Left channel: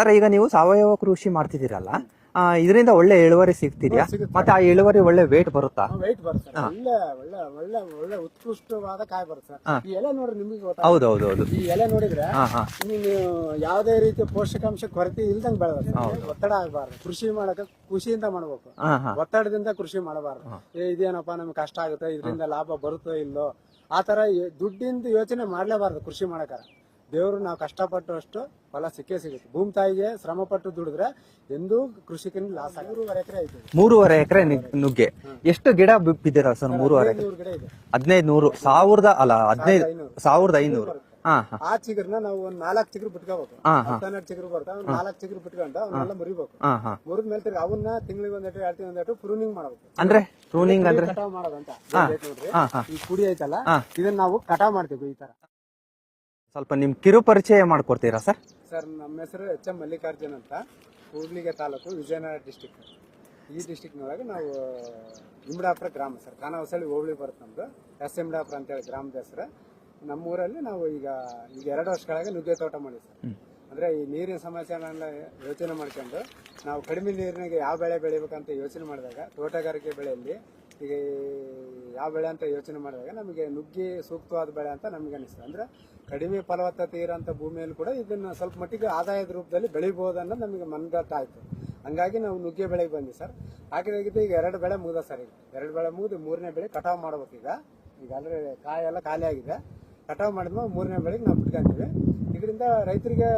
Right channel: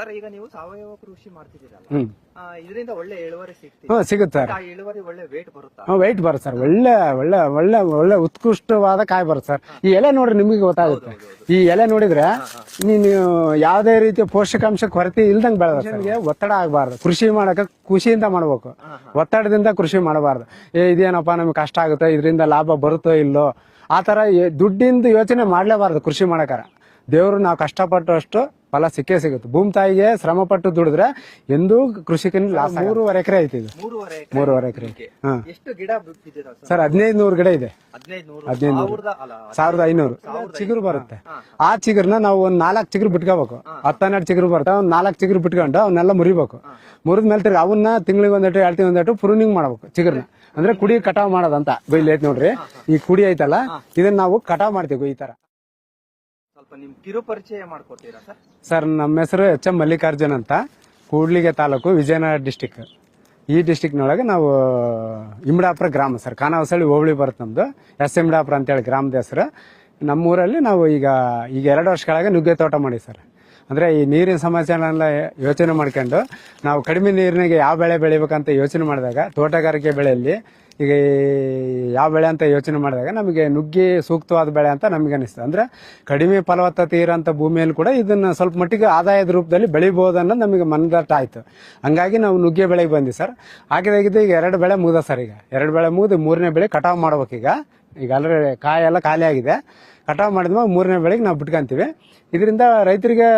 Sir ಈಗ ನೀವು ಸಾವಯವ ಕೃಷಿ ಮಾಡ್ತಿದ್ದೀರಲ್ಲ, ಇದರಿಂದ ಒಳ್ಳೆ ಇಳುವರಿ ಸಿಗ್ತಿದೆ. ಸಿಗುತ್ತೆ ಮತ್ತೆ ಆ ಇಳುವರಿ ಒಳ್ಳೆ ವೇಟ್ ಬರುತ್ತಾ? ವೆಯ್ಟ್ ಬರುತ್ತೆ ಸರ್. ಒಳ್ಳೆ ಒಳ್ಳೆ ಒಳ್ಳೆ ಒಳ್ಳೆ ಉತ್ಕೃಷ್ಟವಾದ ಕಾಯಿ ಬರುತ್ತೆ ಸರ್. ಈ ಎಲೆ ನೋಡ್ರಿ ನಿಮಗೆ ಗೊತ್ತಾಗುತ್ತೆ. ಹೌದೌದು. ಈ ಎಲೆ ನೋಡಿದ್ರೆ ನೀವು ಯಾವುದೇ ರೀತಿಯ ಪೋಷಕಾಂಶ ಕೊರತೆ ಇಲ್ದಂಗ್ ಬೆಳೆದ. ಒತ್ತಡ ಆಗಬಾರ್ದು. ಕೃಷಿ ಮಾಡಕ ಖುಷಿಯಿಂದ ಮಾಡ್ಬೇಕು, ಒತ್ತಡದಿಂದ ಕೃಷಿ ಮಾಡಬಾರ್ದು. ಇದೇನಪ್ಪ ನಮ್ಗೆ ಕಷ್ಟ ಆಗುತ್ತೆ, ಇದರಿಂದ ಲಾಭ ಬರುತ್ತೋ ಇಲ್ಲೋ ಆ ತರ ದುಡ್ಡಿಂದ ಯೋಚನೆ ಮಾಡ್ಲೇಬಾರ್ದು. ಕೃಷಿ ಮಾಡಕಾರ ದೇವ್ರು ನಾವು ಕಷ್ಟಪಟ್ಟು ಅಷ್ಟು ಫಲ ಸಿಕ್ಕೇ ಸಿಗುತ್ತೆ. ಭೂಮಿ ತಾಯಿಗೆ ಶ್ರಮ ಪಟ್ಟು ದುಡಿದ್ರೆ ಎಂದೂ ಕೃಷಿಕನ 3.5 ಎಕರೆ ಐತಿ. 3.5 ಎಕರೆ ನುಗ್ಗೆ. ಎಷ್ಟು ಗಿಡ ಬಿದ್ದಿರ ಸರ್? 1500 ಗಿಡ ಇದೆ. 1500 1000 ಅಲ್ಲ 1500 ಬರುತ್ತೆ. ಆ ಚಿಗುರ್ನ ನಾವು ಒಂದ್ 4 ಚಿಗುರು ಬಿಟ್ಕೋಬೇಕು. 10-12 ಚಿಗುರು ಬರ್ತಾವ, ಒಂದ್ 4 ಚಿಗುರು ಬಿಟ್ಕೊಂಡು ಅವನ್ನೆಲ್ಲ ಮುರಿಬೇಕು. ಮುರಿದ ಮೇಲೆ ತಿರ್ಗಿ ಅವನ್ನ ತಿಂಗಳಿಗೆ ಒಂದೆಟು 2 ತಿಂಗಳು ಒಂದೆಟು ಪ್ರೂನಿಂಗ್ ಮಾಡ್ಬೇಕು. ಚಿಗುರು ಅಂದ್ರೆ ಕುಡಿ ಕಟಾವ್ ಮಾಡೋದಂತ ಐತಿ ನೋಡ್ರಿ. ಈ ಕುಡಿ ಐತಲ್ಲ, ಇದನ್ನ ನಾವು ಕಟಾವ್ ಮಾಡ್ತೀವಿ ಈ ತರ. ಸ್ವಲ್ಪ ನಿಮ್ ಕಿರು ಪರಿಚಯ ಮಾಡ್ಕೊಡ್ತೀರಾ ಸರ್? ಸರ್, ನಮ್ಮ ಹೆಸರು ಎಚ್.ಎಂ. ಮಲ್ಲಿಕಾರ್ಜುನ್ ಅಂತ, ಕೂಡ್ಲಿಗೆ ತಾಲೂಕು, ವಿಜಯನಗರ ಡಿಸ್ಟಿಕ್. ಈ ಡಿಸ್ಟಿಕ್ನೊಳಗೆ ನಾವು ಇಮ್ಡಾಪುರ ಗ್ರಾಮ ಸರ್. ಖಾನಾವಸಳ್ಳಿ ಹೋಬಳಿ ಬರುತ್ತೆ ನಮ್ದು. ಇಮ್ಡಾಪುರ ಅಂತೇಳಿ ಗ್ರಾಮದ ಹೆಸರು. ನಮ್ಮೂರಲ್ಲಿ ನಾವು ಈಗ 2 ವರ್ಷಗಳಾಗ ನುಗ್ಗೆ ತೋಟ ಮಾಡಿ ಸರ್. ಅಂದ್ರೆ ಈ ನೀರಿನ ಸಮಸ್ಯೆನೆಲ್ಲ ಯೋಚನೆ ಮಾಡ್ಕೊಂಡು ನಾವು ಕಡಿಮೆ ನೀರಿನಾಗೆ ಯಾವ ಬೆಳೆ ಬೆಳಿಬೇಕಂತ ಯೋಚನೆ ಮಾಡಿದಾಗ, ತೋಟಗಾರಿಕೆ ಬೆಳೆಯಲ್ಲಿ ಈಗ ಯಾವ ಬೆಳೆ ಅಂತ ಯೋಚನೆ ಮಾಡಿದಾಗ ನಮಗೆ ನುಗ್ಗೆ ಸೂಕ್ತವಾದ ಬೆಳೆ ಅಂತ ನಮಗೆ ಅನಿಸ್ತದೆ. ಅಂದ್ರೆ ಕಡಿಮೆ ಫಲವತ್ತತೆ ಇರೋಂಥ ಭೂಮಿಯಲ್ಲಿ ಕೂಡ ಇದನ್ನ ಸ್ವಲ್ಪ ಮಟ್ಟಿಗೆ ಆದಾಯದ ರೂಪದಲ್ಲಿ ಬೆಳಿಬಹುದನ್ನ ನಮಗೆ ಮನದಟ್ಟ ಆಯ್ತು. ಹಂಗಾಗಿ ನಾವು ನುಗ್ಗೆ ಬೆಳೆಗೆ ಬಂದ್ವಿ ಸರ್. ಹಾಕಿದಾಗಿದ್ದು ಈಗ 2 ಬೆಳೆ ಮುಗ್ದ ಸರ್. ಈಗ 2 ಬೆಳೆ ಮುಗಿದು 3ನೇ ಬೆಳೆ ಕಟಾವ್ ಮಾಡ್ಬೇಕು. ಈಗ ಆಲ್ರೆಡಿ ಕಾಯೆಲ್ಲ ಖಾಲಿ ಆಗಿದೆ. ಕಟಾವ್ ಮಾಡಿದ್ಮೇಲೆ 3ನೇ ಬೆಳೆಗೆ ನಾವು ಬಿಟ್ಕೊಂತೀವಿ. ಇದರಿಂದ ರೈತರಿಗೆ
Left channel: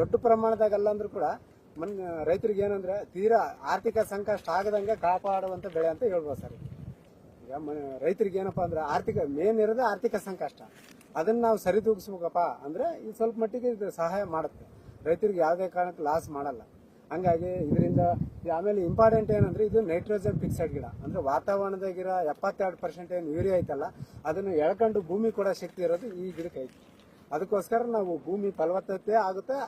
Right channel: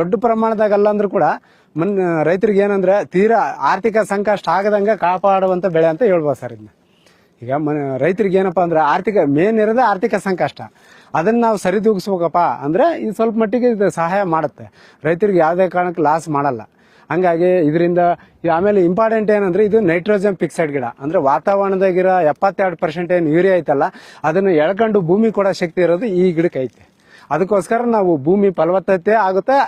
ದೊಡ್ಡ ಪ್ರಮಾಣದಾಗ ಅಲ್ಲ ಅಂದ್ರೂ ಕೂಡ ರೈತರಿಗೆ ಏನಂದ್ರೆ ತೀರಾ ಆರ್ಥಿಕ ಸಂಕಷ್ಟ ಆಗದಂಗೆ ಕಾಪಾಡುವಂತ ಬೆಳೆ ಅಂತ ಹೇಳ್ಬೋದು ಸರ್. ಇದನ್ನ ಈಗ ರೈತರಿಗೆ ಏನಪ್ಪಾ ಅಂದ್ರೆ ಮೇನ್ ಇರೋದೇ ಆರ್ಥಿಕ ಸಂಕಷ್ಟ. ಅದನ್ನ ನಾವು ಸರಿದೂಗಿಸ್ಬೇಕಪ್ಪ ಅಂದ್ರೆ ಇದು ಸ್ವಲ್ಪ ಮಟ್ಟಿಗೆ ಇದು ಸಹಾಯ ಮಾಡುತ್ತೆ. ರೈತರಿಗೆ ಯಾವುದೇ ಕಾರಣಕ್ಕೆ ಲಾಸ್ ಮಾಡಲ್ಲ. ಹಂಗಾಗಿ ಇದರಿಂದ ಆಮೇಲೆ ಇಂಪಾರ್ಟೆಂಟ್ ಏನಂದ್ರೆ ಇದು ನೈಟ್ರೋಜನ್ ಫಿಕ್ಸೆಡ್ ಗಿಡ. ಅಂದ್ರೆ ವಾತಾವರಣದಾಗಿರೋ 72% ಏನು ಯೂರಿಯಾ ಐತಲ್ಲ, ಅದನ್ನು ಎಳ್ಕೊಂಡು ಭೂಮಿ ಕೊಡೋ ಶಕ್ತಿ ಇರೋದು ಈ ಗಿಡಕ್ಕೆ ಐತೆ. ಅದಕ್ಕೋಸ್ಕರ ನಾವು ಭೂಮಿ ಫಲವತ್ತತೆ ಆಗುತ್ತೆ,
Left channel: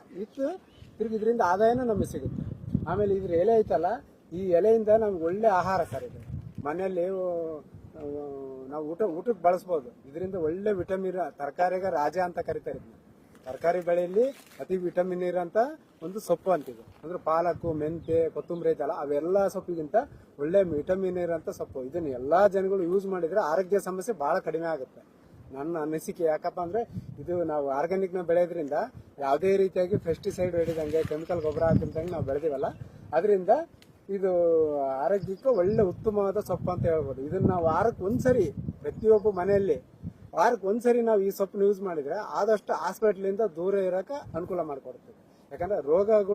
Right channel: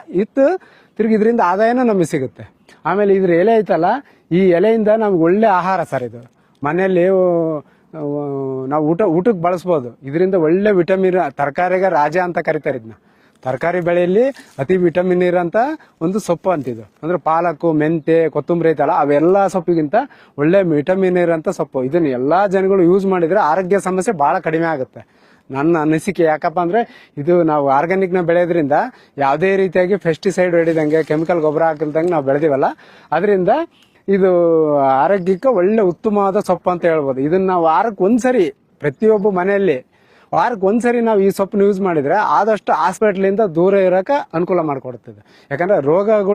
ತಿರ್ಗಿ ಇದರಿಂದ ಆದಾಯನೂ ನಮಗೆ ಸಿಗುತ್ತೆ. ಆಮೇಲೆ ಇದ್ರ ಎಲೆ ಐತಲ್ಲ, ಈ ಎಲೆಯಿಂದ ನಮ್ಗೆ ಒಳ್ಳೆ ಆಹಾರ ಸರ್. ಇದು ಮನೆಯಲ್ಲಿ ನಾವು ಊಟಕ್ಕೆ ಬಳಸ್ಬೋದು. ಇದರಿಂದ ಒಳ್ಳೆ ವಿಟಮಿನ್, ತರಕಾರಿಗೆ ರಾಜ ಅಂತ ಕರಿತಾರೆ ಇದನ್ನ. ತರಕಾರಿ ಬೆಳೆಯಲ್ಲಿ ಅತಿ ವಿಟಮಿನ್ ಇರೋಂಥ ಒಂದು ಸೊಪ್ಪು ಅಂತಿದ್ದು. ಅಂದ್ರೆ ಪಾಲಕ್ಕು, ಮೆಂತೆ, ಕೊತ್ತಂಬರಿ ಐತಲ್ಲ, ಅವೆಲ್ಲ ಸೊಪ್ಪಿಗಿಂತ ಒಳ್ಳೆ ವಿಟಮಿನ್ ಇರೋಂಥ ಸೊಪ್ಪು. ಇದನ್ನ ಎಲ್ಲಾ ಜನಗಳು ಯೂಸ್ ಮಾಡಿದ್ರೆ ಆರೋಗ್ಯ ಸಮಸ್ಯೆ ಬಹಳ ಕಡಿಮೆ ಆಗುತ್ತೆ ನನ್ನ ಅನಿಸಿಕೆ. ಯಾಕಪ್ಪ ಅಂದ್ರೆ ಇದು ನಾವು ಆರ್ಗ್ಯಾನಿಕ್ ನ ಬೆಳೆಯೋದ್ರಿಂದ ಯಾವುದೇ ರೀತಿಯಾಗಿ ಪೆಸ್ಟಿಸೈಡ್ ಹೊಡಿದಂಗೆ, ಕೆಮಿಕಲ್ ಗೊಬ್ಬರ ಹಾಕಿಲ್ದಂಗೆ ನಾವು ಬೆಳೆದಿವಲ್ಲ, ಅದರಿಂದ ಇದು ಆರೋಗ್ಯಕ್ಕೆ ಒಳ್ಳೆ ಉತ್ತಮವಾದ ಸೊಪ್ಪು ಅಂತ ಹೇಳ್ಬೋದು. ಇದನ್ನ ನಾವು ವಾರಕ್ಕೆ ಒಂದ್ಸರಿ, ಪ್ರತಿಯೊಬ್ಬ ಮನೆಯಲ್ಲಿ ವಾರಕ್ಕೆ ಒಂದ್ಸರಿ ನಾವು ಈ ಸೊಪ್ಪನ್ನು ಯೂಸ್ ಮಾಡಿದ್ರೆ ಆದಷ್ಟು ಹಾಸ್ಪಿಟ್ಲಿಂದ ದೂರ ಇರೋಕೆ ಅನುಕೂಲ ಮಾಡಿಕೊಡ್ತದೆ. ಯಾಕಂದ್ರೆ ರೋಗಗಳು